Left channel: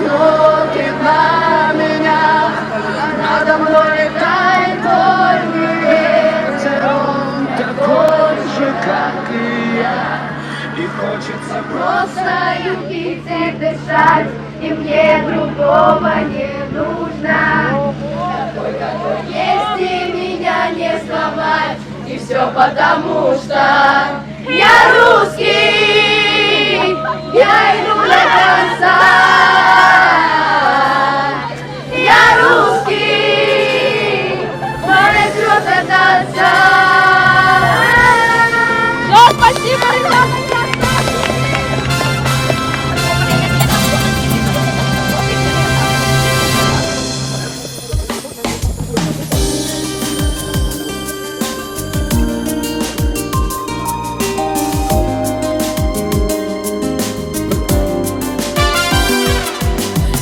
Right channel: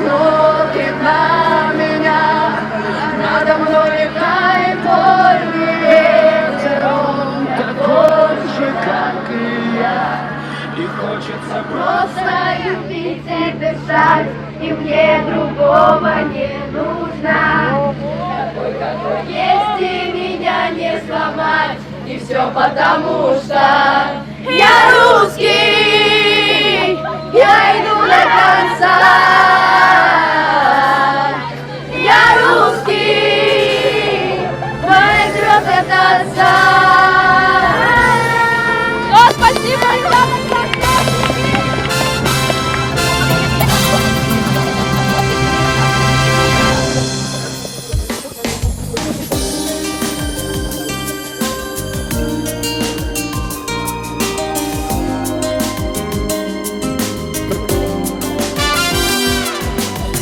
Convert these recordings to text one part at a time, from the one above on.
смотрит на меня, надо мной летает только ветер, он такой же, как и я. И хочется просто любить и дышать, и мне другого не нужно. Такой, какой есть, и меня не сломать, и все потому, что я русский, я иду до конца. Я русский, но и звезд это спасибо, ребята!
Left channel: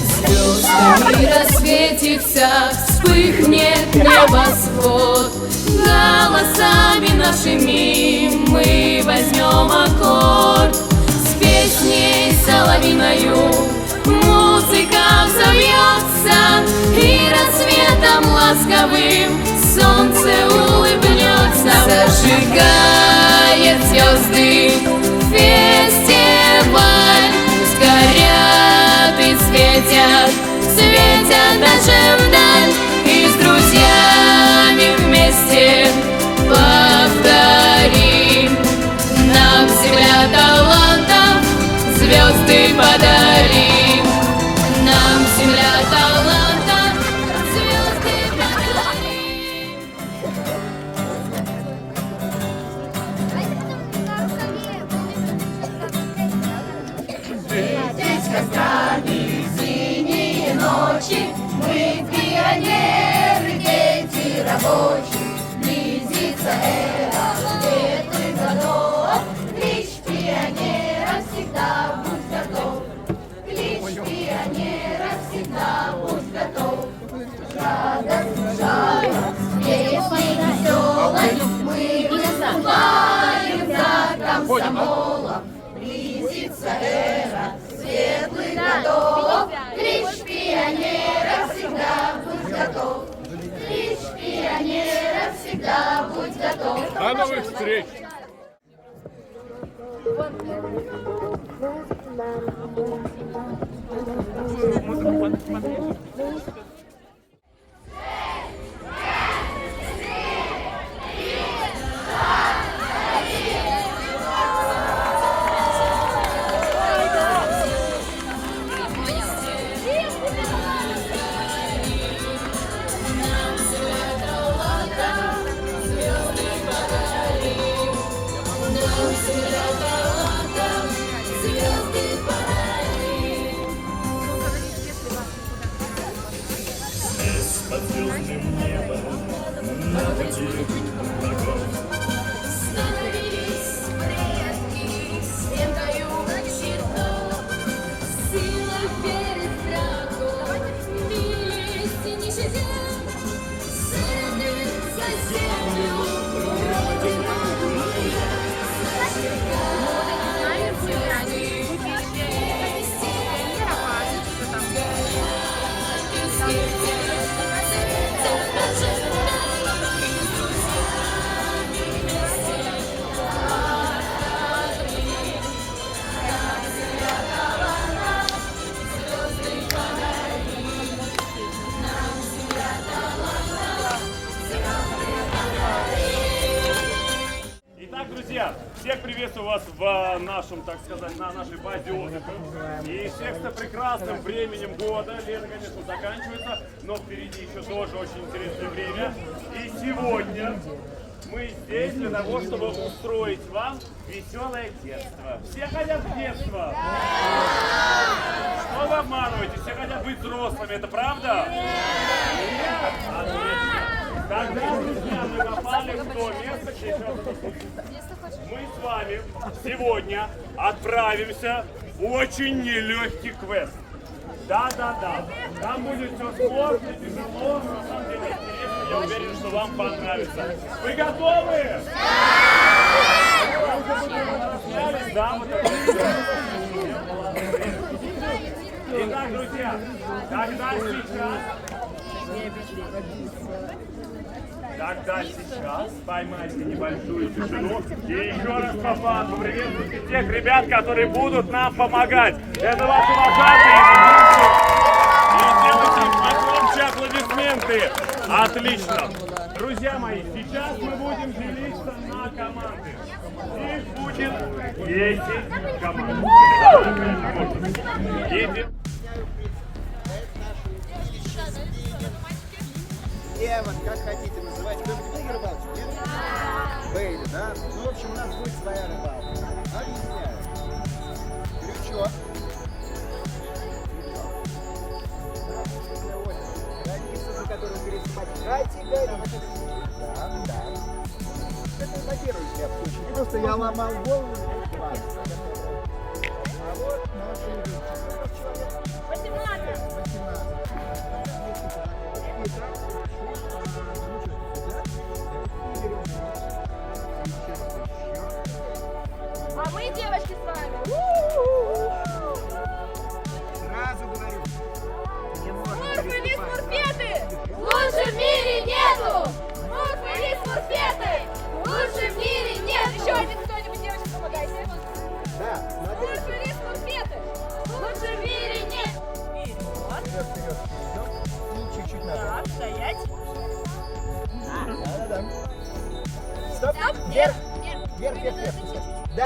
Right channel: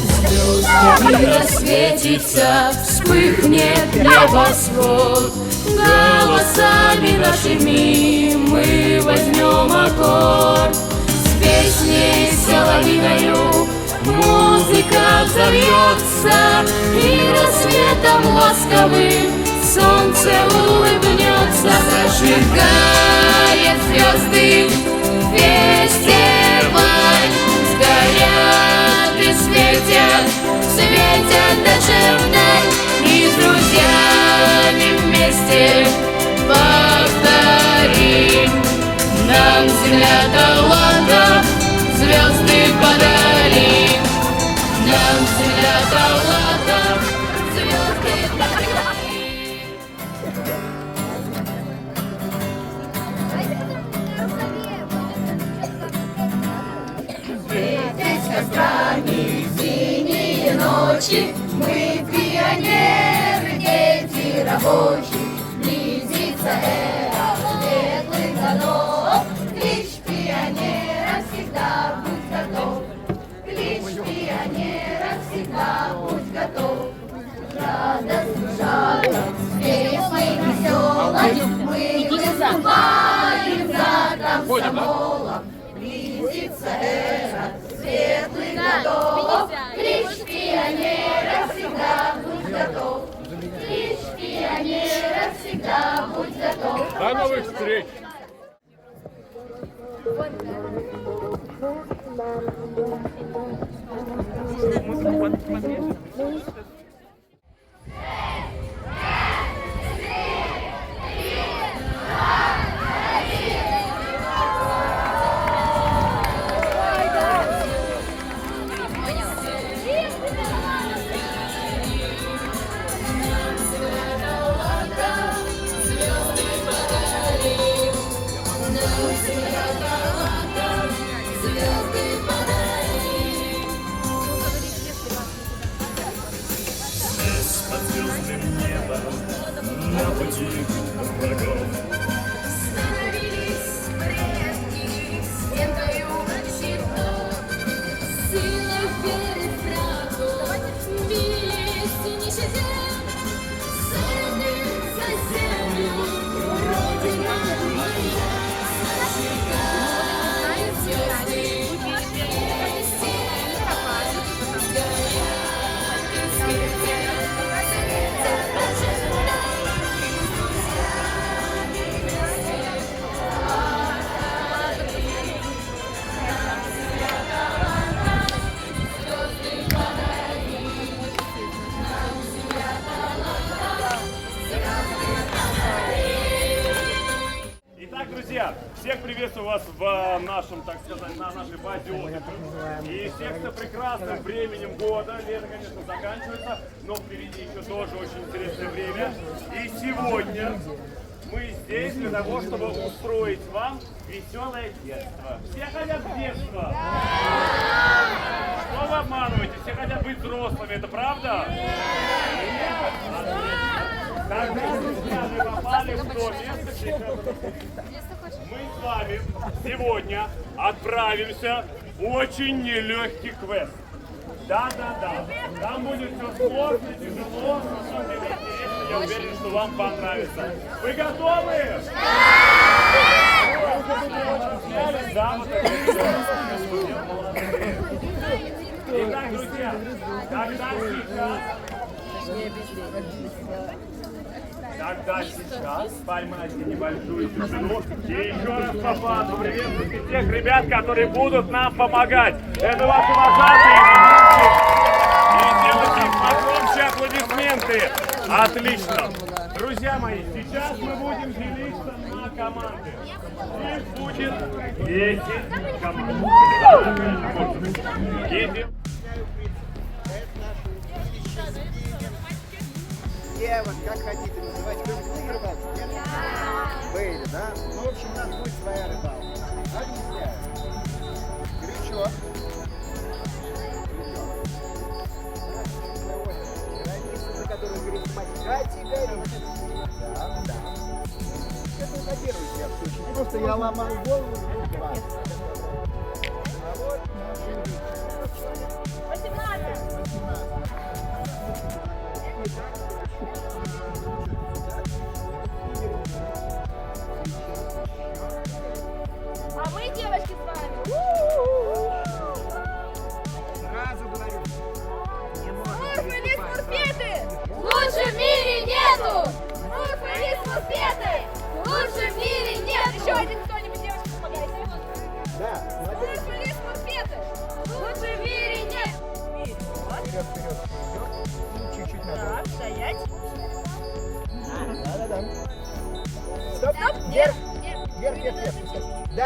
Звездами рассветится, вспыхнет небосвод. Голосами нашими мы возьмем аккорд. С песней соловьиною музыка взовьется, и рассветом ласковым солнце улыбнется. Зажигает звезды фестиваль, пусть горят и светят, светят даже вдаль, и с друзьями вместе повторим. Нам земля талантов звезды подари. Нам земля талантов звезды подари. Светить кострами синие ночи, мы пионеры, дети рабочие. Близится эра светлых годов, клич пионера всегда будь готов. Клич пионера всегда будь готов. Радость, жалость, песней веселой мы выступаем за комсомолом. Близится эра светлых годов, клич пионера всегда будь готов. Клич пионера всегда будь готов. До новых встреч! Друзья, всех приветствую вас в нашем, так сказать, на нашей базе отдыха. И всех с прекрасным временем года. Лето, конечно, заканчивается, но впереди еще тоже очень интересное время. И сегодня мы здесь для того, чтобы устроить вам веселое детство. Все хотят в детство? Что вы обманываете? Все хотят быть взрослыми, это правда? Тогда, друзья, мы попали в то место, где сейчас мы с вами сегодня отправимся в очень нелегкий квест. Да-да-да. Там будет все сложно, тяжело, на самом деле интересно, я уверен, что вам понравится. Вы готовы? Вы уже размялись, да, вот это все. Итак, Итак, друзья, тогда сейчас поймайте небольшую тишину и еще раз по факту приветствуйте тех ребят, которые будут нам помогать. Это ваши вожатые, ведущие. И делайте им погромче аплодисменты. Отлично. Друзья мои, сейчас мы будем делиться на команды. Их будет 10 команд. Да, конечно, можно. Девок, как хотите называть. Кто-нибудь был на рыбалке? Нет? Были, да? Ну, в общем, у нас будет своя рыбалка. Объясняю. Крючок. Граница, за которую пересмотреть. Да, да. Это на первый взгляд очень просто. Я ломал голову, и 20. А вот наши рыбки. 18. А мы, девочки, с вами. Сразу говорю. Не можно Мурфеты! Лучше в мире нету! Мурфеты! Лучше в мире нет! Еще один кто-нибудь, девочки, помогайте. Да, смотри. Мурфеты! Лучше в мире нет! Вперед, вперед, вперед. И чуть-чуть назад. Так, стоять. Да. Стоп. Вверх. Вверх. Да!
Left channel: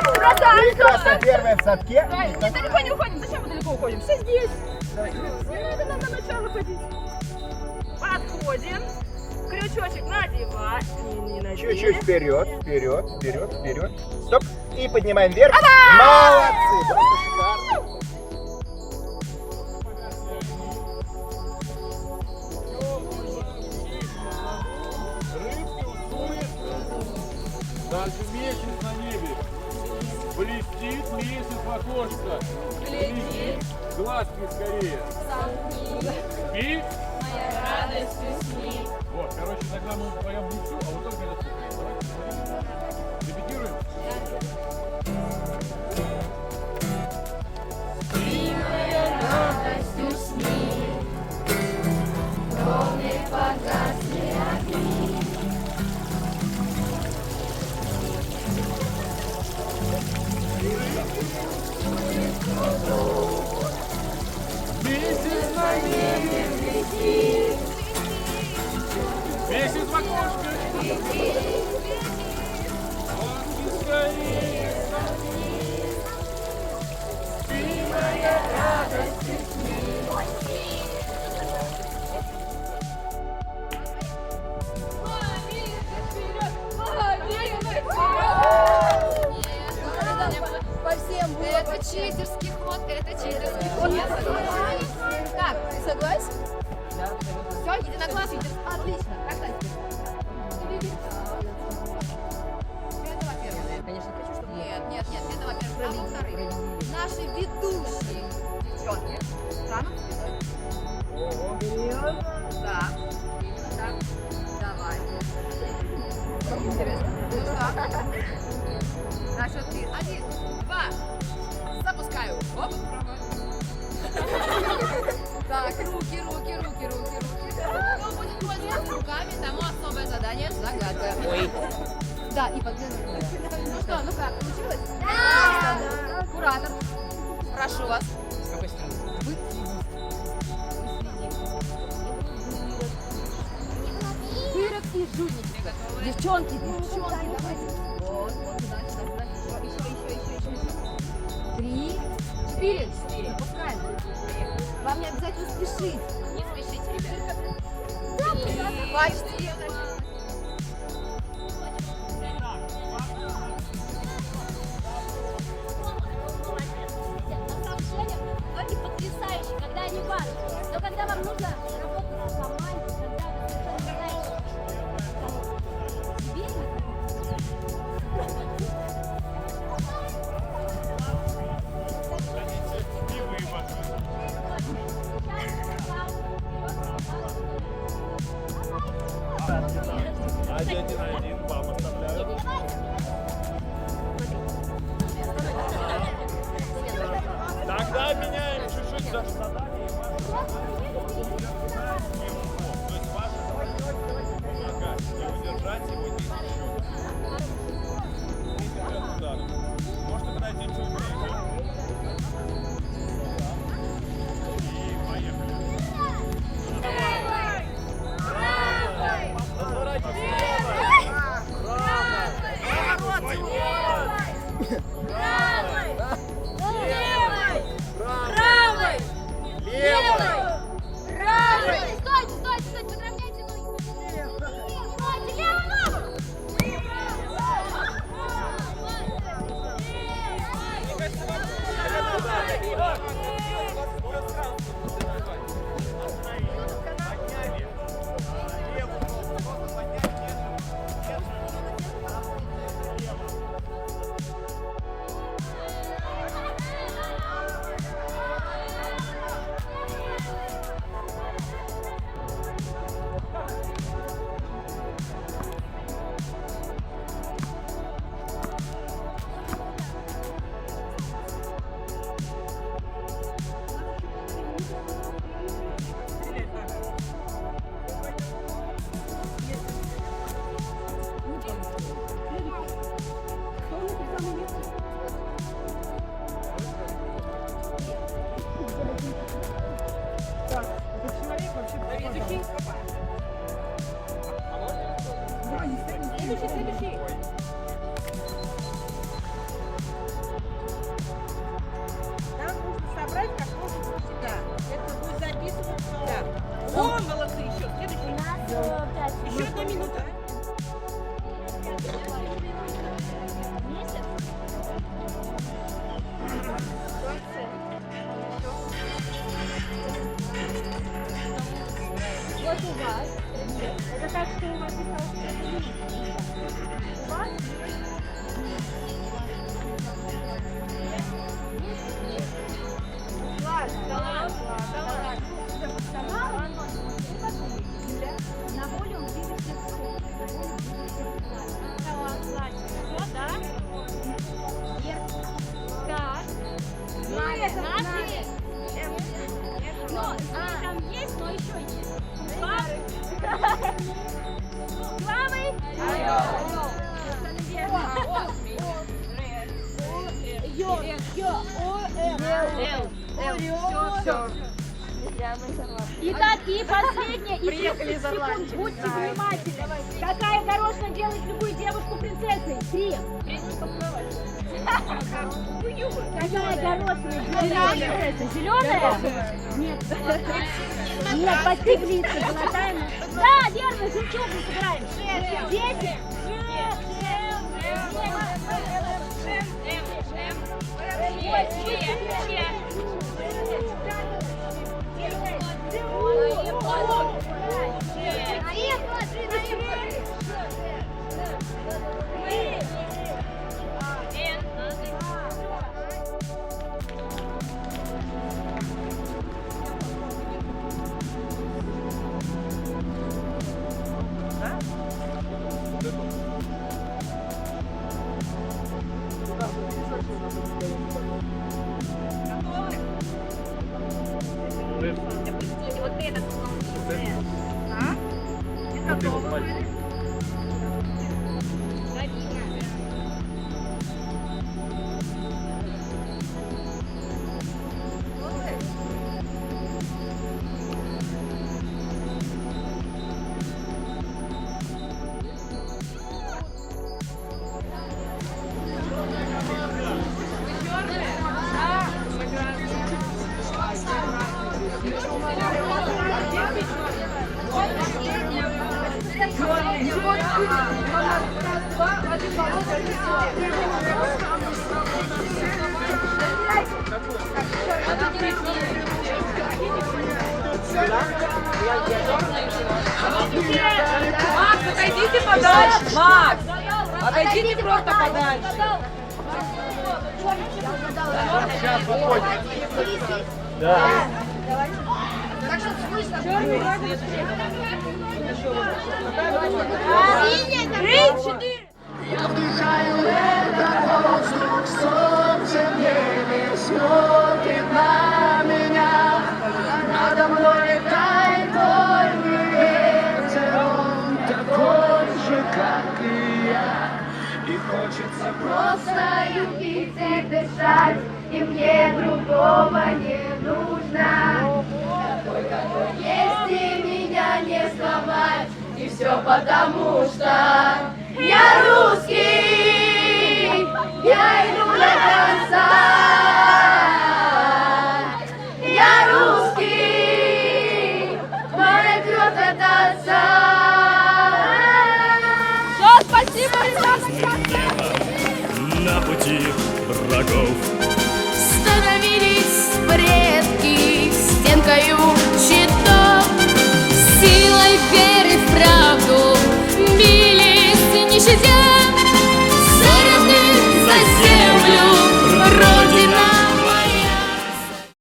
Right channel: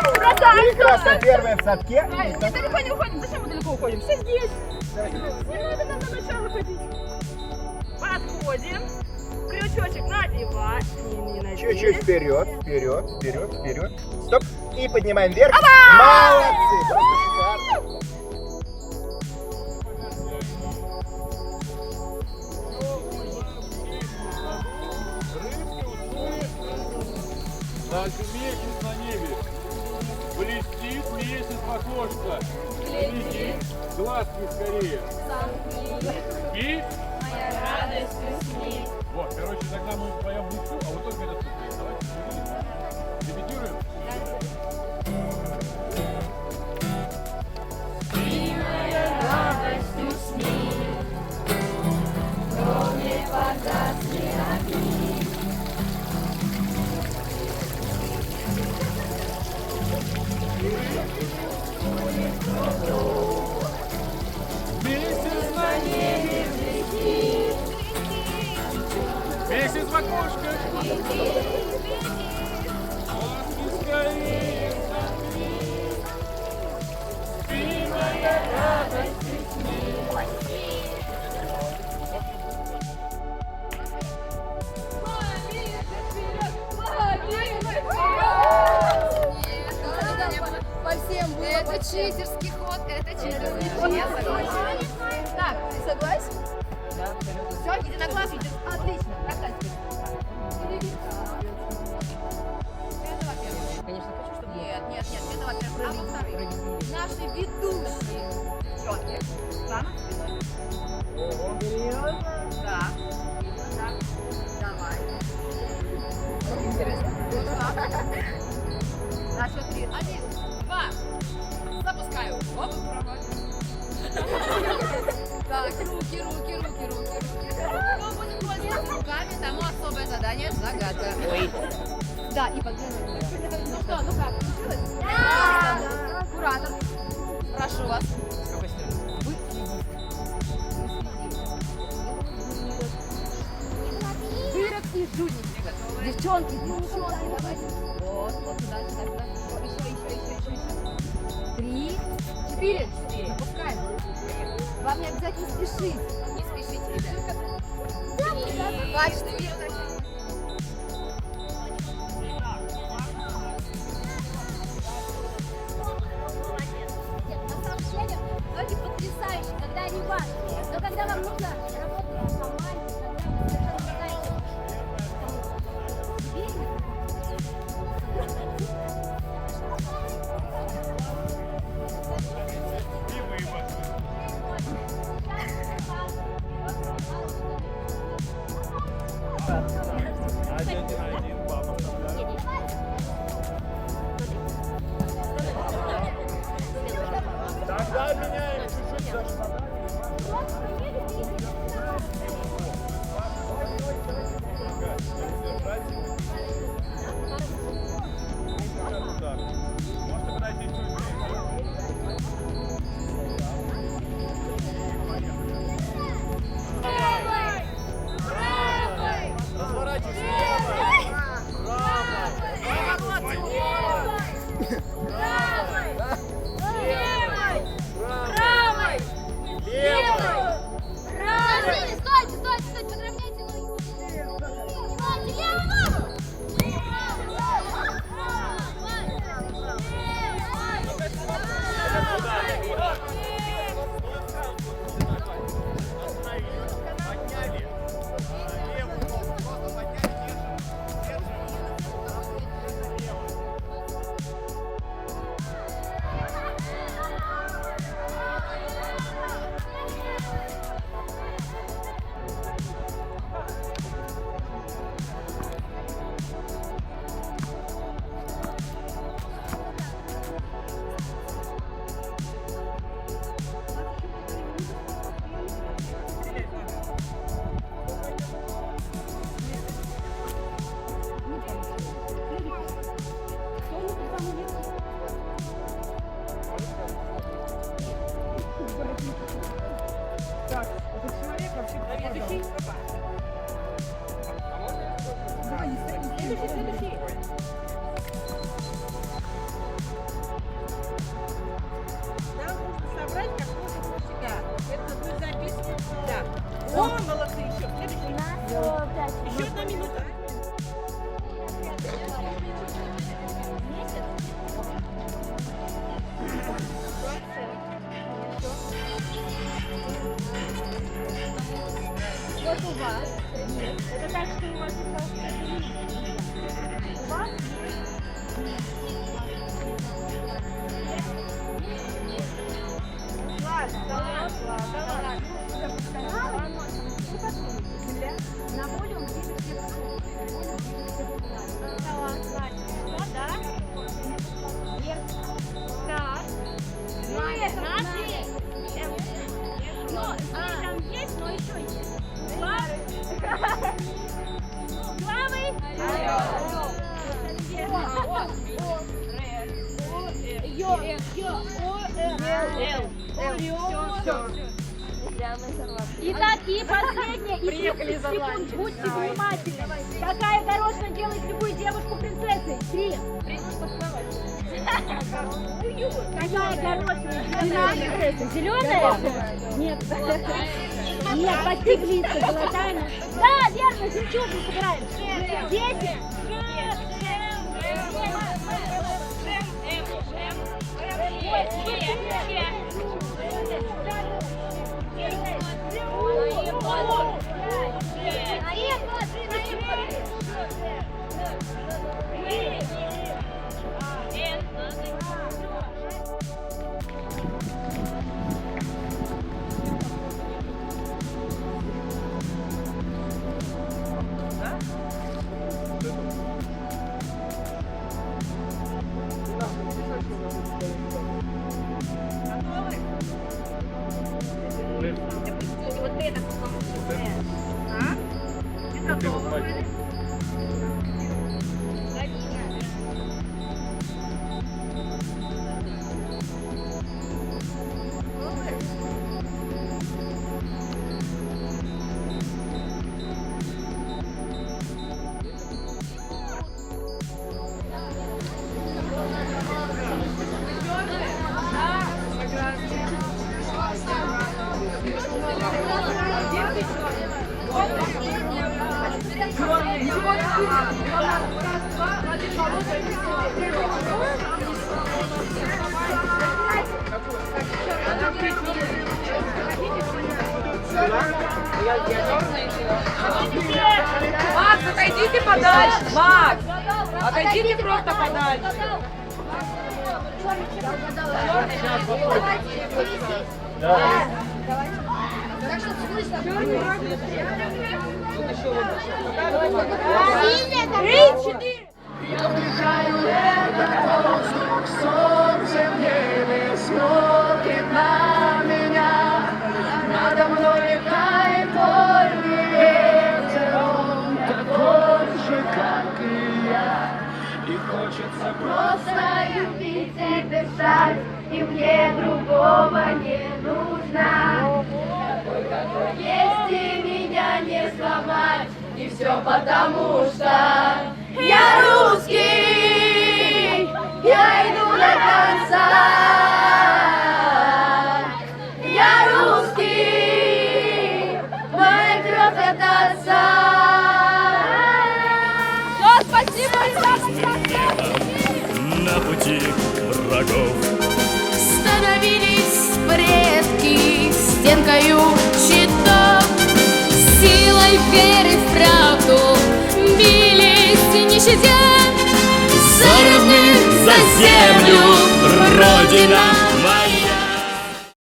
Прекрасно. Первая в садке. Нет, далеко не уходим. Зачем мы далеко уходим? Все здесь. Не надо нам на начало ходить. Подходим. Крючочек надевать. Не надели. Чуть-чуть вперед. Стоп. И поднимаем вверх. Молодцы. Просто шикарно. Рыбки усует. Дальше месяц на небе. Блестит месяц в окошко. Блестит. Глазки скорее. И? Моя радость усни. Вот, короче, тогда мы вдвоем бухту, а вот только это вступление. Давайте репетируем. Ты моя радость усни. В доме погасли огни. Месяц на небе. Месяц в окошко. Глазки скорее согни. Ты моя радость усни. По всем было. Это читерский ход, Я согласен. Так, ты согласен? Да, абсолютно. Все, единогласно? Отлично. Это во-первых. Конечно, хочу, чтобы... Нет, это во-первых. А во-вторых, наши ведущие девчонки станут спиной. Ого, серьезно? Да. Именно так. Давай. Интересно. На счет 3. 1, 2. Запускаю. Оп. Так, руки. Кто будет пользоваться руками, тому особое задание загадка. Ой. Да, и подглядывай. Ну что, ну как, получилось? Да. Куратор. Прошу вас. С какой стороны? Вы Дырок и жульники. Девчонки, давайте. Вот, сюда. Еще. 3, 4. Запускаем. Вам не обязательно спешить. Не спешите, ребята. 2, 4. На самом деле, ноги потрясающие, когда они банки. Но когда вам нужно работать в команде, когда вы совершенно знаете, себе Тогда Вот у вас. Это так, что у вас осталось. У вас на волю он видит всех. Да? Так. Но там есть, но еще есть. Главы. Итак, и последнее, и 30 секунд, будьте внимательны. Какая горошина делает любую девушку принцессой? 3. Какая горошина делает принцессой? Зеленая? Нет. Нет, подстегнись, золотая. Да, верно, жемчужину собираем. 10. Вот это а? Это готово были? Макс, отойдите подальше! Макс! Отойдите просто подальше! Солнце в небе смотрит на меня, надо мной летает вольный ветер, он такой же, как и я, и хочется Просто любить и дышать, и мне другого не нужно. Такой, какой есть, и меня не сломать, и все потому, что я русский, я иду до конца. Я русский, моя кровь от отца. Звездным небом на пути врагов Становились предки стенкою щитов, силой веры в правду бились не щадя за родных, за землю, Родина моя.